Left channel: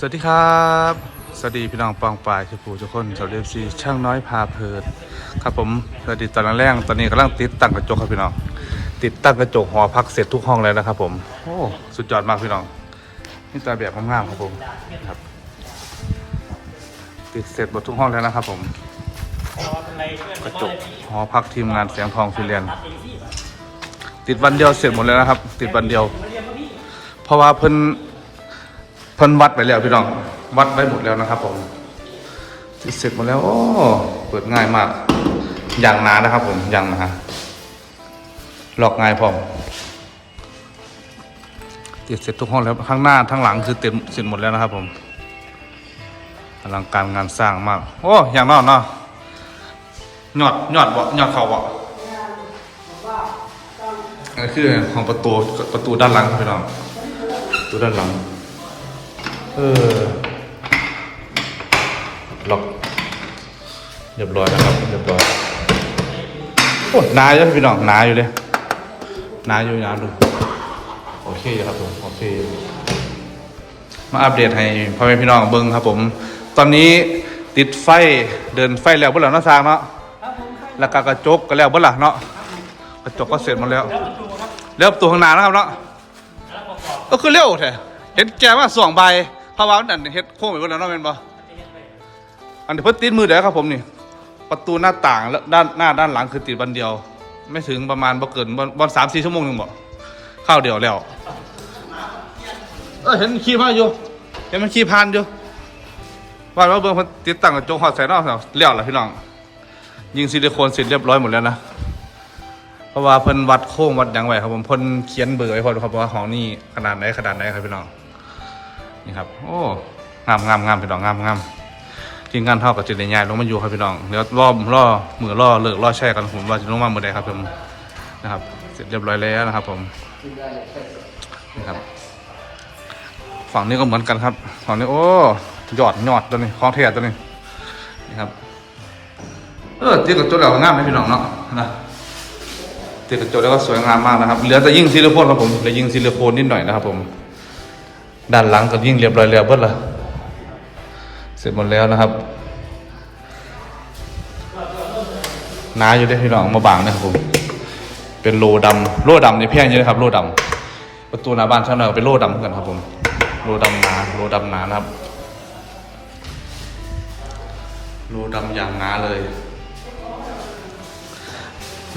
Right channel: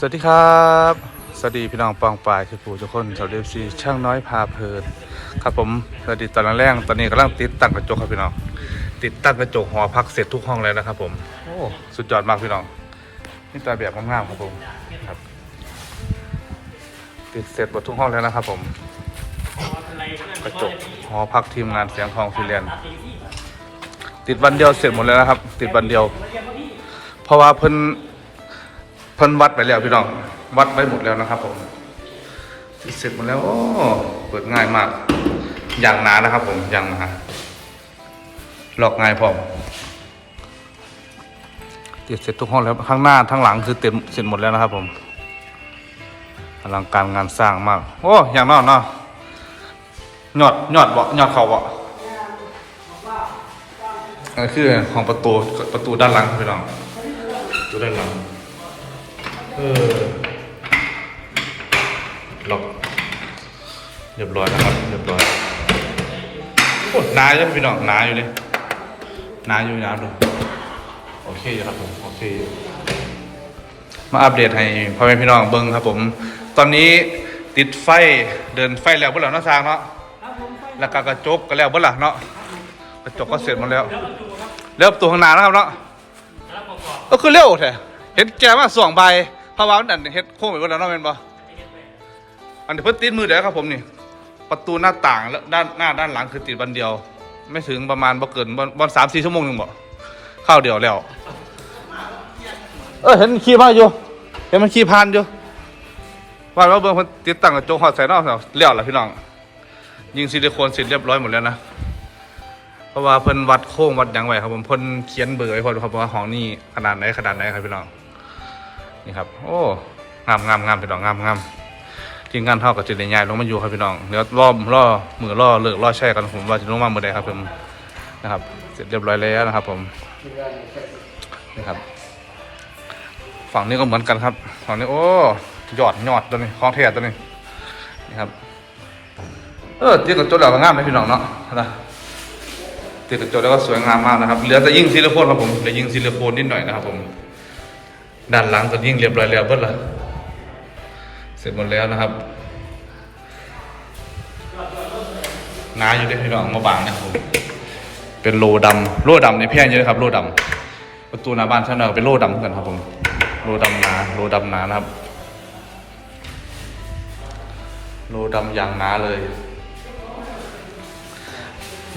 สวัสดีครับ สวัสดีพี่น้องปองปายคือผู้ทุกคนชาวเดฟซีช่างน้อยพาเพลินครับผมสวัสดีตอนแรกตอนนี้กำลังติดตั้งกระจกครับพี่น้องติดตั้งกระจกหอพักเสร็จทุกห้องแล้วนะครับ ผมโอ้สุดยอดมากพี่น้องนี่ตาแบบงามๆครับผมครับ ติดเสร็จหมดทุกห้องแล้วนะครับ ผม กระจกหอพักทีมงานเสียงทองฟิเลียนติดวันเดียวเสร็จหมดแล้วนะครับ ติดวันเดียว เพราะว่าเพิ่น เพิ่นวัดไปแล้วพี่น้อง วัดไว้หมดแล้วนะครับ ผมติดเสร็จหมดแล้วโอ้เปิดง่ายมาก อย่างหนานะครับ ผมอย่างหนาหลอกง่ายพร้อมติดเสร็จทุกห้องแล้วข้างหน้าทั้งหลังคือเต็มเสร็จหมดแล้วนะครับ ผมอลังการงานสร้างมาก โอ้อย่างนอกเนาะยอดยอดบ่ยอดเขาบ่อันนี้คือของประตูประตูด้านหลังพี่น้องประตูด้านหลัง เออล็อกเรียบร้อยนะครับ เรียบร้อยโอ้หนาอยู่พี่น้องหนาอยู่เลยหนาอยู่หนาดูโอเคอยู่ครับผมโอเคอยู่มาอัปเดตให้พ่อแม่พี่น้องเบิ้งครับผม ตอนนี้ติดไฟเดินไฟแล้วเบิ่งแล้วเนาะสร้างเนาะแล้วก็กระจกก็แล้วเบิ่งล่ะเนาะกระจกก็เสร็จหมดแล้วเริ่มตัวข้างหน้านะครับเนาะก็คือเร็วแท้เห็นแกว่าสองใบ เพราะว่ามันอันเฮ็ดโค้งไปเบิ่งแล้วเนาะแม่นบ่อันนี้เพิ่นติดมือเดียวครับผมนี่ ประตูหน้าต่างแล้วด้านหน้าด้านหลังคือติดบันเดียว ไม่ถึงประมาณบ่เกินบอนสามสี่ชั่วโมงหนึ่งบ่เข้าวเดียวแล้ว เออเห็นขี่มาอยู่ เห็นมันขี่ผ่านอยู่ว่าว่าเบิ่งเพิ่นติดตั้งกระจกหอดใส่นอกเสาเลี้ยวล่ะพี่น้อง ยิงซิลิโคนเสร็จเรียบร้อยหมดแล้วนะเพราะว่าเพิ่นวัดโค้งวัดหยังไว้ครับผมเพิ่นเขียนเบอร์ไว้พอดูครับว่าห้องนี้ขนาดไหนขนาดไหนครับพี่น้อง นี่ครับ โอ้งามงามงามพี่น้องงามงามทีมงานเท่ากับจิตใหญ่ลงมาอยู่ครับพี่น้องเดี๋ยวรอบล่อมือล่อเลิกล่อแช่กันผมว่าจะลงมาเมื่อใดครับผมนะครับ เสร็จเรียบร้อยแล้วนะครับ ผมนี่ครับ ฝั่งนี้ก็เหมือนกันครับฝั่งนี้โอ้ยอดยอดตัวนี้ของเทียตัวนี้นี่ครับ เออตีกระจกแล้วก็งามเลยพี่น้องเนาะนะตีกระจกแล้วก็สวยงามมากนะครับเหลือแต่ยิ่งซิลิโคนครับผมเหลือยิ่งซิลิโคนนิดหน่อยนะครับผม ด้านหลังก็ยิ่งเรียบร้อยแล้วเบิดละเสร็จหมดแล้วนะครับหนาอยู่ด้พี่น้องมาบางนะครับผมเป็นโลดำโลดำนี่แพงเยอะครับโลดำประตูหน้าบ้านช่างเราเป็นโลดำเหมือนกันครับผมโลดำหนาโลดำหนานะครับ โลดำอย่างหนาเลย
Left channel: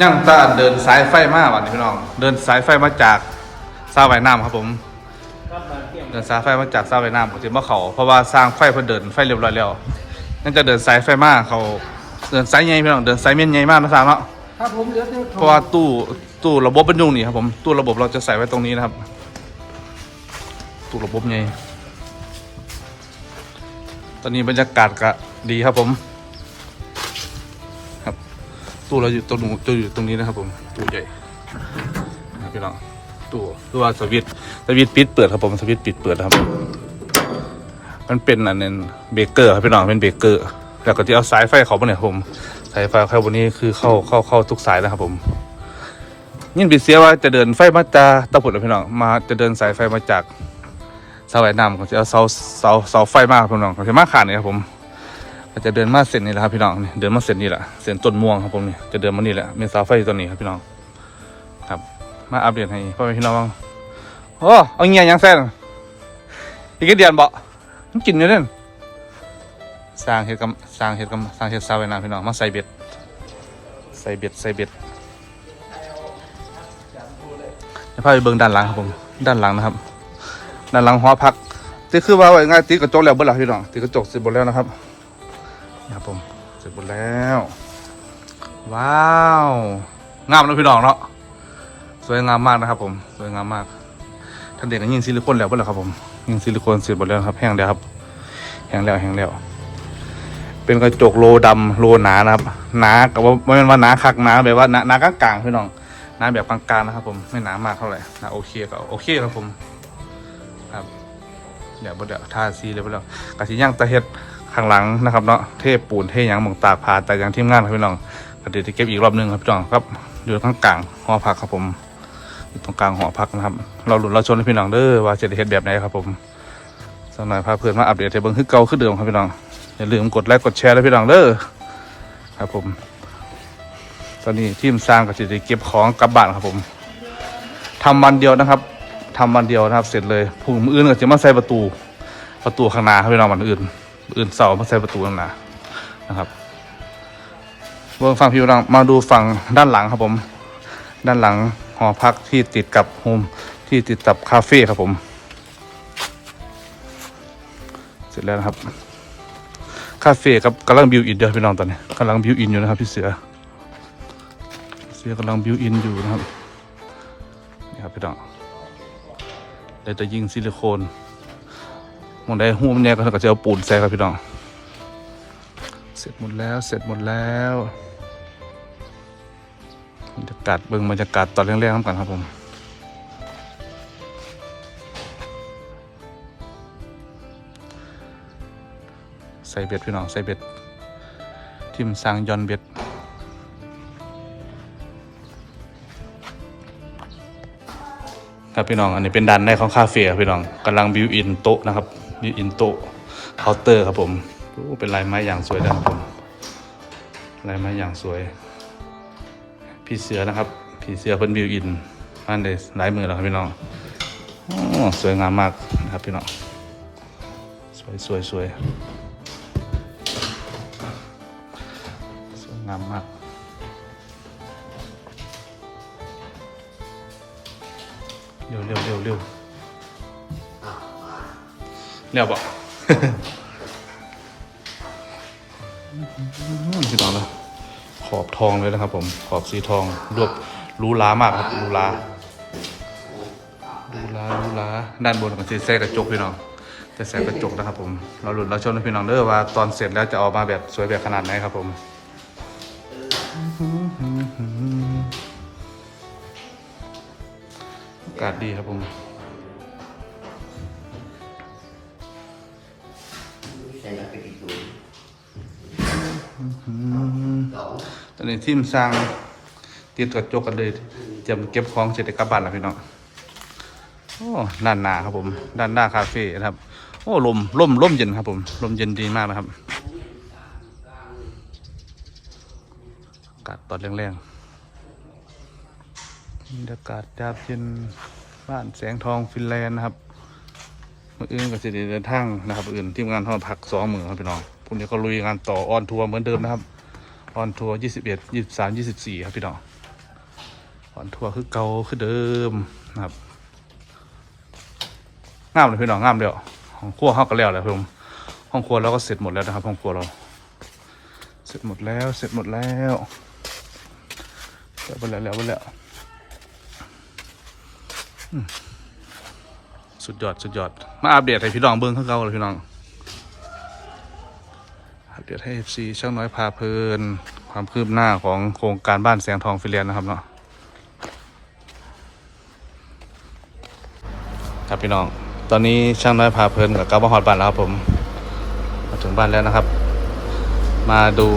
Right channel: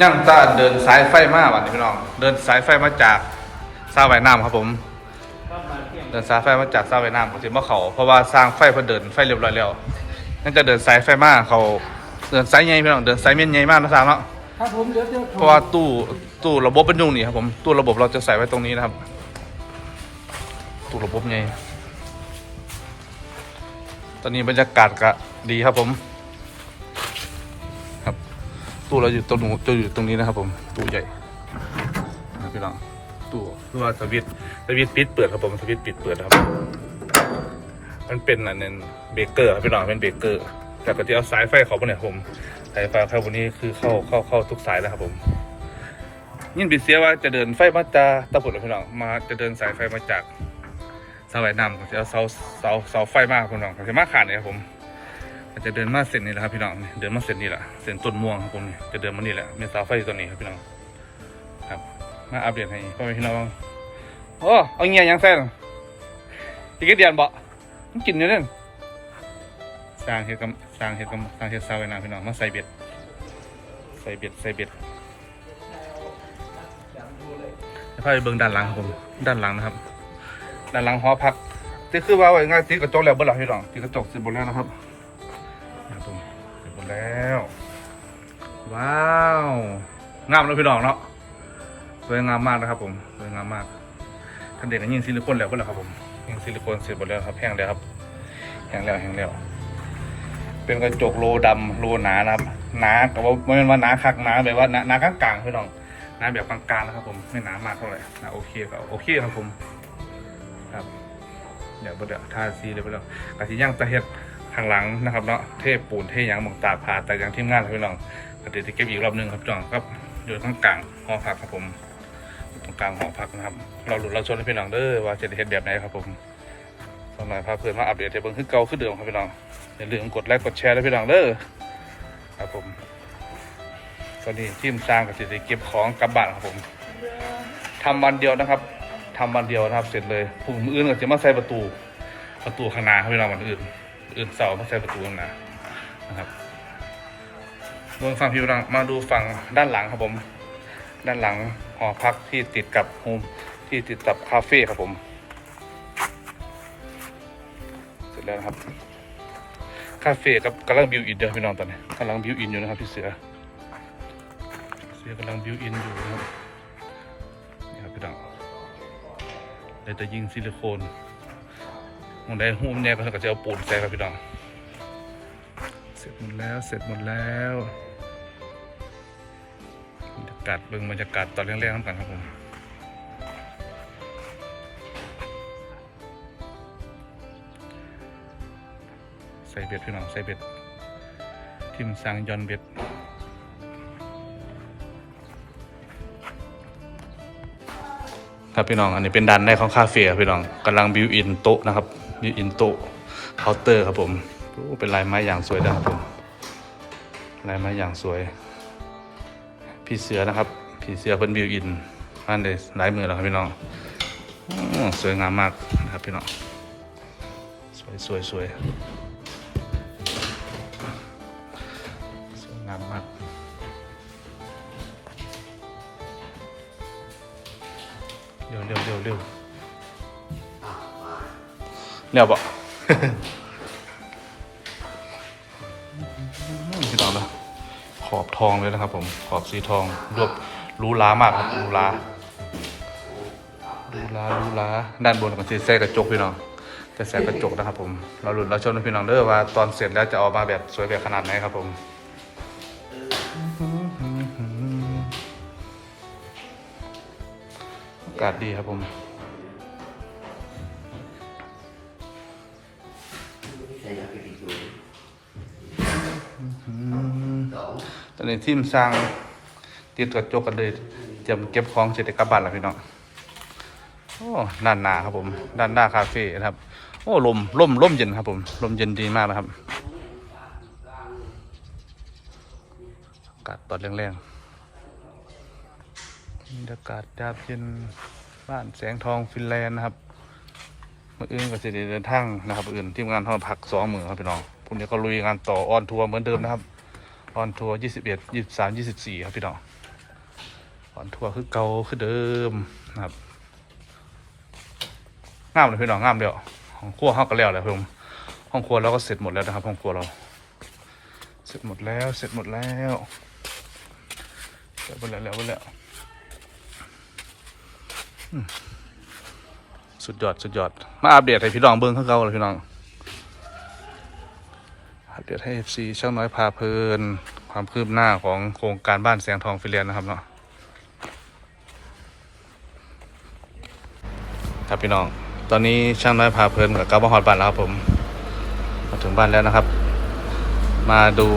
ย่างตาเดินสายไฟมาวันนี้พี่น้อง เดินสายไฟมาจากซาไวน้ำครับผม เดินสายไฟมาจากเสาไฟน้ำของจิมาเขาเพราะว่าสร้างไฟเพิ่นเดินไฟเรียบร้อยแล้วนั่นจะเดินสายไฟมาเขาเดินสายใหญ่พี่น้องเดินสายเมียนใหญ่มากนะสามเนาะครับผมเหลือแต่เพราะว่าตู้ตู้ระบบเป็นอยูนี่ครับผมตู้ระบบเราจะใส่ไว้ตรงนี้นะครับ ตู้ระบบใหญ่ตอนนี้บรรยากาศก็ดีครับผม ครับ ตู้เราอยู่ตรงนู้นจะอยู่ตรงนี้นะครับผมตู้ใหญ่นะครับพี่น้อง ตู้คือว่าสวิตสวิตปิดเปิดครับผมสวิตปิดเปิดครับ มันเป็นอันนึงเบเกอร์ครับพี่น้องเป็นเบเกอร์แล้วก็ที่เอาสายไฟเขาไปเนี่ยผมสายไฟเข้าบนนี้คือเข้าเข้าเข้าทุกสายแล้วครับผมยินปีเสียว่าจะเดินไฟมาจากตะพุดพี่น้องมาจะเดินสายไฟมาจากเสาไหน้ำของจะเอาเสาเสาเสาไฟมาครับพี่น้องของจะมาขาดนี่ครับผมจะเดินมาเส้นนี้แหละครับพี่น้องเดินมาเส้นนี้แหละเส้นต้นม่วงครับผมนี่จะเดินมานี่แหละมีเสาไฟอยู่ตัวนี้ครับพี่น้อง มาอัปเดตให้พ่อแม่พี่น้องโอ้เอาเงี้ยยังแซ่นอีกเดือนบ่มันกินอยู่เด่นสร้างเห็ดกับสร้างเห็ดกับสร้างเห็ดซาไว้นาพี่น้องมาใส่เบ็ดใส่เบ็ดใส่เบ็ดให้พาไปเบิ่งด้านหลังครับผมด้านหลังนะครับ ด้านหลังหอพักที่คือว่าไว้ง่ายติดกระจกแล้วเบิ่งหลังพี่น้องติดกระจกเสร็จหมดแล้วนะครับนี่ครับผมเสร็จหมดแล้ว ว้าวงามแล้วพี่น้องเนาะ วยงามมากนะครับ ผมสวยงามมากท่านเด็กก็ยิงซิลิโคนแล้วเปล่าครับผมยิงซิลิโคนเสร็จหมดแล้วครับแห้งแล้วครับแห้งแล้วแห้งแล้วเป็นกระจกโลดำโลหนานะครับหนากับว่าไม่เป็นว่าหนาคักหนาแบบว่าหนาหนากลางๆพี่น้องหนาแบบกลางๆนะครับ ผมไม่หนามากเท่าไหร่หนาโอเคก็โอเคครับผมครับเดี๋ยวบ่เดี๋ยวทาซีเลยไปแล้วกระสีย่างตะเฮ็ดข้างหลังนะครับเนาะเทปูนเทยังหมองตาผ่าแต่ยังทีมงานครับพี่น้องก็เดี๋ยวจะเก็บอีกรอบหนึงครับพี่น้องครับอยู่ข้างกลางหอพักครับผม ตรงกลางหอพักนะครับ เราหลุดเราชนพี่น้องเด้อว่าจะได้เฮ็ดแบบไหนครับผมสำหรับพาเพื่อนมาอัปเดตให้เบิ่งคือเก่าคือเดิมครับพี่น้องอย่าลืมกดไลค์กดแชร์แล้วพี่น้องเด้อครับผม ตอนนี้ทีมสร้างก็จะได้เก็บของกลับบ้านครับผมทำวันเดียวนะครับทำวันเดียวนะครับ เสร็จเลยผู้มืออื่นก็จะมาใส่ประตู ประตูข้างหน้าครับพี่น้องวันอื่น อื่นเสามาใส่ประตูข้างหน้านะครับเบื้องฝั่งพี่น้องมาดูฝั่งด้านหลังครับผม ด้านหลัง หอพักที่ติดกับโฮมที่ติดกับคาเฟ่ครับผม เสร็จแล้วนะครับ คาเฟ่กับกำลังบิวอินเดียวพี่น้องตอนนี้กำลังบิวอินอยู่นะครับพี่เสือ เสือกำลังบิวอินอยู่นะครับนี่ครับพี่น้องได้แต่ยิงซิลิโคนมองได้หูมันเนี่ยก็จะเอาปูนใส่ครับพี่น้อง เสร็จหมดแล้วเสร็จหมดแล้วากาศเบิ่งบรรยากาศตอนแรกๆน้ำกันครับผมใส่เบ็ดพี่น้องใส่เบ็ดทิมสร้างยอนเบ็ดครับพี่น้องอันนี้เป็นด้านในของคาเฟ่พี่น้องกำลังบิวอินโต๊ะนะครับบิวอินโต๊ะเคาน์เตอร์ครับผมเป็นลายไม้อย่างสวยนะครับผมลายไม้อย่างสวย พี่เสือนะครับพี่เสือเป็นบิวอินอันเดสลายมือแล้วครับพี่น้องอสวยงามมากนะครับพี่น้องสวยสวยสวยสวยงามมากเร็วเร็วเร็วเร็วเร็วปะพี่น้องนะ ขอบทองเลยนะครับ ผมขอบสีทองรวบรูหรามากครับรูหรารูหรารูหราด้านบนก็จะใส่กระจกพี่น้องจะใส่กระจกนะครับ ผม เราหลุดเราชมนพี่น้องเด้อว่าตอนเสร็จแล้วจะออกมาแบบสวยแบบขนาดไหนครับ ผมอากาศดีครับผม อนนี้ทีมสร้างติดกระจกกันเลยเตรียมเก็บของเสร็จกลับบ้านแล้วพี่น้องโอ้ด้านหน้าครับผม ด้านหน้าคาเฟ่นะครับ โอ้ลมลมลมเย็นครับผม ลมเย็นดีมากนะครับอากาศตอนแรงๆบรรยากาศยามเย็นบ้านแสงทองฟินแลนด์นะครับมื่ออื่นก็จะได้เดินทางนะครับอื่นทีมงานเขาพักสองมือครับพี่น้องพรุ่งนี้ก็ลุยงานต่อออนทัวร์เหมือนเดิมนะครับ ออนทัวร์ยี่สิบเอ็ดยี่สิบสามยี่สิบสี่ครับพี่น้องออนทัวร์คือเก่าคือเดิมนะครับงามเลยพี่น้องงามเดียวห้องครัวเขาก็แล้วแหละพี่ผมห้องครัวเราก็เสร็จหมดแล้วนะครับห้องครัวเรา เสร็จหมดแล้วเสร็จหมดแล้วเสร็จหมดแล้วแล้วหมดแล้วสุดยอดสุดยอดมาอัปเดตให้พี่น้องเบิ้งเขางเก่าเลยพี่น้อง อัปเดให้ซีช่างน้อยพาเพลิน ความคืบหน้าของโครงการบ้านแสงทองฟิเลียนนะครับเนาะครับพี่น้อง ตอนนี้ช่างน้อยพาเพลินกับกลับมาฮอดบ้านแล้วครับผม มาถึงบ้านแล้วนะครับ มาดู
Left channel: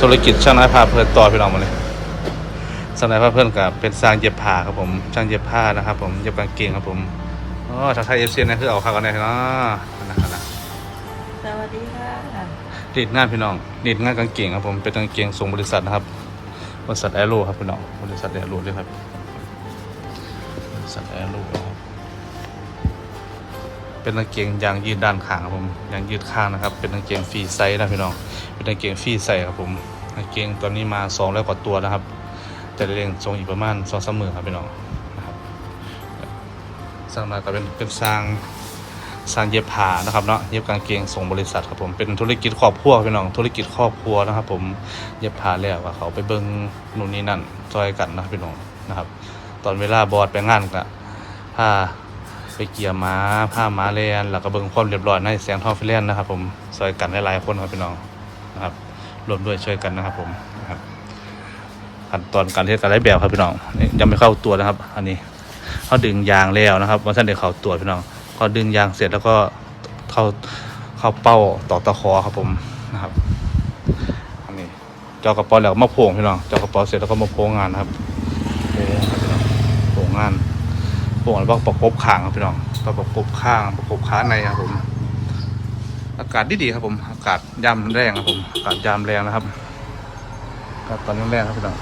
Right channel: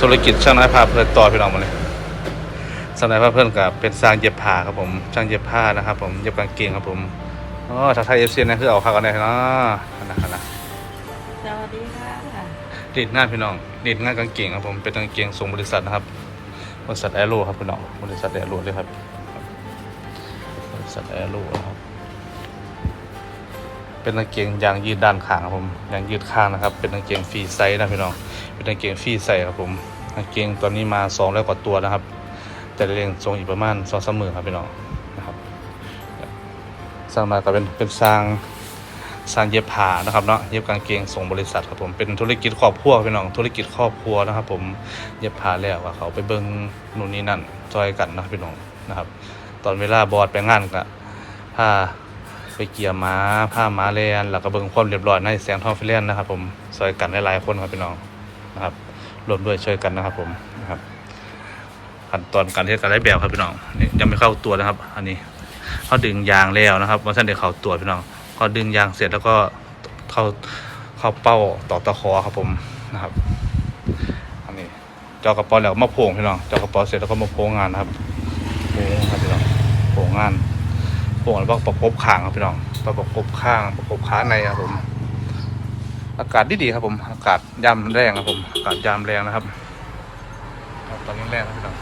ธุรกิจช่างน้อยพาเพลินต่อพี่น้องมาเลยช่างน้อยพาเพลินกับเป็นสร้างเย็บผ้าครับผมช่างเย็บผ้านะครับ ผมเย็บกางเกงครับผมอ๋อถ้าไทยเอฟซีนะคือเอาข้าวกันได้เนาะนะนะ วัสดีค่ะดีดงานพี่น้องดีดงานกางเกงครับผมเป็นกางเกงส่งบริษัทนะครับบริษัทแอโร่ครับพี่น้องบริษัทแอโร่เลยครับบริษัทแอโร่ครับเป็นกางเกงยางยืดด้านข้างครับผมยางยืดข้างนะครับ เป็นกางเกงฟรีไซส์นะพี่น้องเป็นกางเกงฟรีไซส์ครับผมกางเกงตอนนี้มาสองร้อยกว่าตัวนะครับจะเรียงทรงอีกประมาณสองสามหมื่นครับพี่น้องนะครับสร้างมาก็เป็นเป็นสร้าง สร้างเย็บผ้านะครับเนาะเย็บกางเกงส่งบริษัทครับผมเป็นธุรกิจครอบครัวพี่น้องธุรกิจครอบครัวนะครับ ผมเย็บผ้าแล้วก็เขาไปเบิ้งนู่นนี่นั่นซอยกันนะครับพี่น้องนะครับ ตอนเวลาบอดไปงานก็ผ้าไปเกี่ยม้าผ้าม้าเลียนแล้วก็เบิ้งความเรียบร้อยในแสงทองฟิเลนนะครับ ผมซอยกันหลายๆคนครับพี่น้องนะครับรวมด้วยช่วยกันนะครับผมนะครับขั้นตอนการเทศการไล่แบบครับพี่น้องนี่ยังไม่เข้าตัวนะครับ อันนี้เขาดึงยางแล้วนะครับว่าท่นเดี๋ยวเขาตัวพี่น้อง พอดึงยางเสร็จแล้วก็เข้าเข้าเป้าต่อตะขอครับผมนะครับอันนี้เจากระป๋าแล้วมาโผงพี่น้องเจากระป๋าเสร็จแล้วก็มาโผงงานครับโผงครับพี่น้องโผงงานพวกเราประกบข้างครับพี่น้องประกบข้างประกบขาในครับผม อากาศดีดีๆครับผม อากาศยามแรงครับผมอากาศยามแรงนะครับอากาศแรงครับพี่น้อง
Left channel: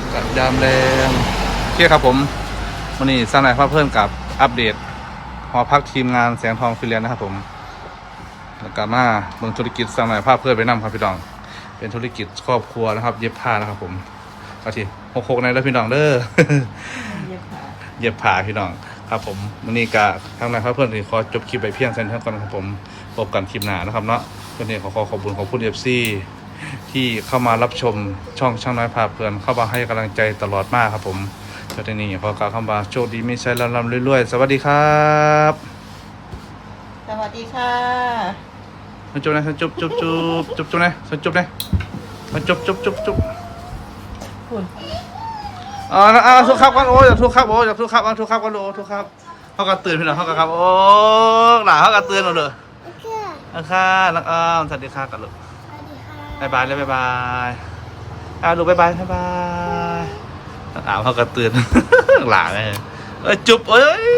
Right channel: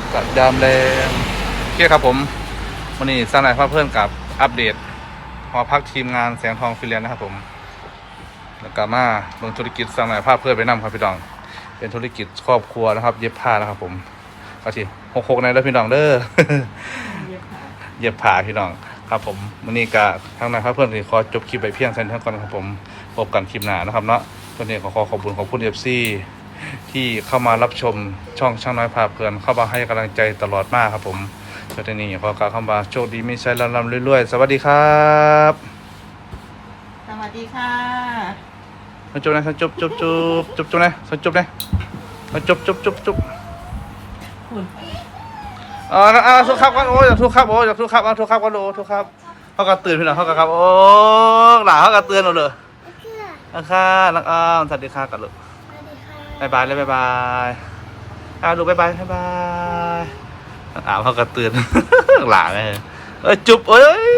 อากาศยามแรงโอเคครับผม วันนี้สร้างนายภาพเพื่อนกับอัปเดตหอพักทีมงานแสงทองฟิเลียนนะครับผมแล้วก็มาเบิ่งธุรกิจสร้างนายภาพเพื่อนไปนํครับพี่น้อง เป็นธุรกิจครอบครัวนะครับ เย็บผ้านะครับผมก็ทีหกหกในแล้วพี่น้องเด้อเย็บผ้าพี่น้องครับผมวันนี้ก็ทางนายครับเพื่อนขอจบคลิปไปเพียงเท่านี้ก่อนครับผมพบกันคลิปหน้านะครับเนาะวันนี้ขอขอขอบคุณขอบคุณเอฟซีที่เข้ามารับชมช่องช่างน้อยพาเพลินเข้ามาให้กำลังใจตลอดมากครับผม จนนี้ขอกาคำว่าโชคดีมีชัยลำลำเรื่อยๆ สวัสดีครับ สวัสดีค่ะมาจุบนะมาจุบจุบจุบจุบจุบนะมาจุบนะมาจุบจุบจุบจุบคุณอ่าอ่าทุกครับกันโอ้ยอย่าทุกครับโอ้ยอย่าทุกครับเอาทุกครับกันโอ้ทุกครับเขาก็ตื่นพี่น้องเขาก็ครับโอ้หล่าเขาก็เตือนเราเลยนะค่ะนักอ้ามสวัสดีค่ะกันลูกสวัสดีค่ะบายบายเลยบายบายอ่าลูกบายบายบายบาย อามเขาก็เตือนหลาเลยเอ้ยจุบเอ้ย